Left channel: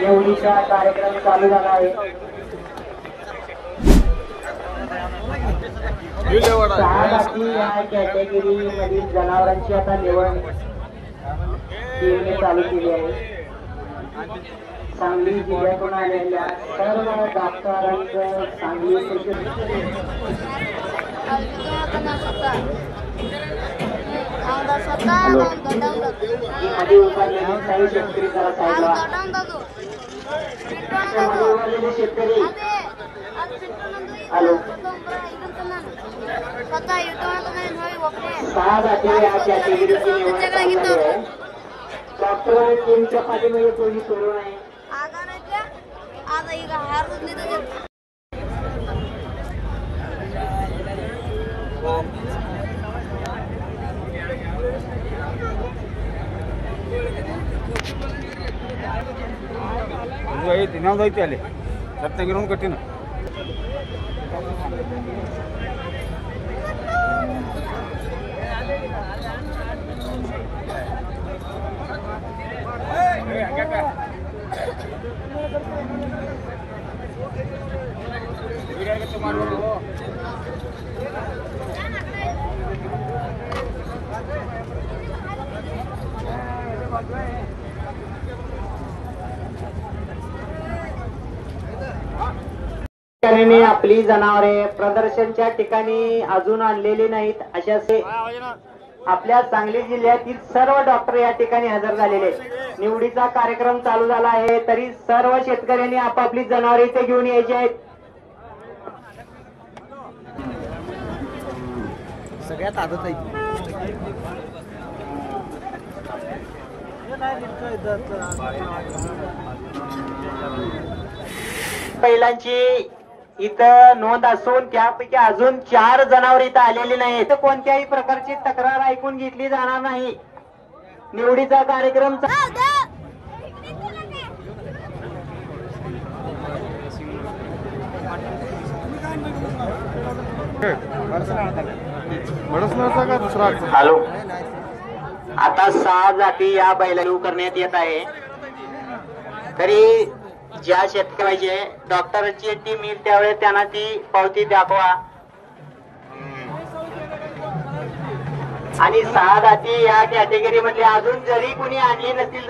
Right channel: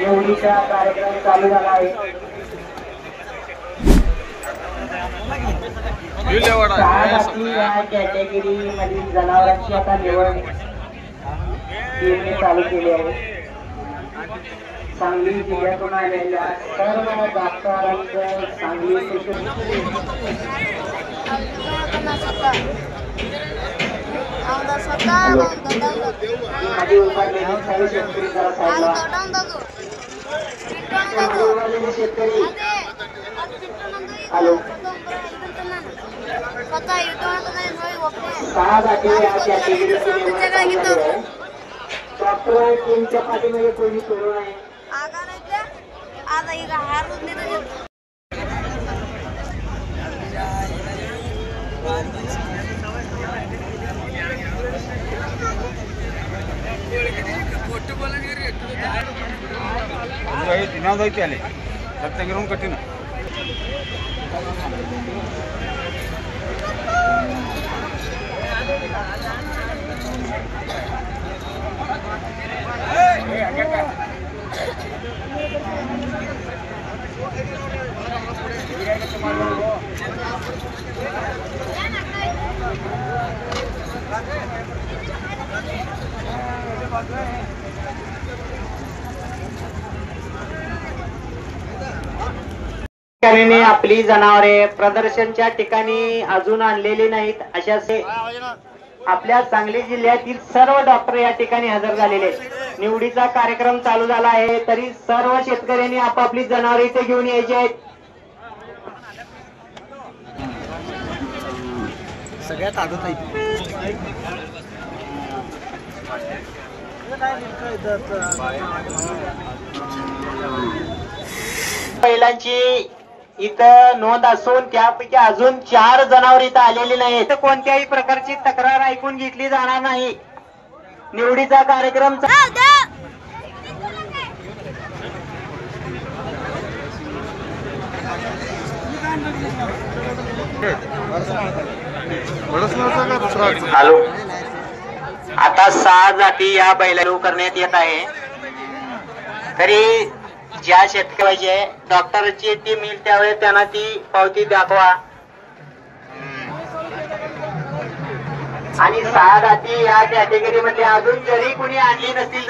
निवडीचा कार्यक्रम चालू झाला आहे। 6 जाती या कॅटेगरी मधील जनावरांची आता निवड टीमने चालू केली आहे। सांगली जिल्ह्यातून आलेल्या सर्व डॉक्टरांचं सांगली हॅलो 6 जाती या कॅटेगरीची निवड डॉक्टर टीमच्या पाठीमागे कोणी सोडू नये। रत्नागिरी कठीण शेतकऱ्यांनी आपली जनावरे प्रदर्शनच्या ठिकाणी अजून आणलेली नाहीत। अशा आपल्या सांगली जिल्ह्यातील सर्व डॉक्टर या ठिकाणी हजर झालेले। निवडीचा कार्यक्रम चालू झाला आहे तरी सर्व शेतकऱ्यांनी आपापली जनावरे इथे घेऊन यायची आहेत। सगळ्यात आगत बैलांची इथं नोंद असून त्यापैकी अजून 4 जनावर इथं आलेली नाहीत। कोणत्याही प्रकारची तक्रार ऐकून घेतली जाणार नाही। निवडीचा कार्यक्रम हॅलो आता 6 जाती या बैलाला करण्यात येत आहे। तरी ज्या शेतकऱ्याचे डॉक्टरची टीम येईल त्यावेळेस त्यांना ती पावती दाखवा आणि 6 जाती या कॅटेगरी मध्ये अजून जरी कुणी आणली नसतील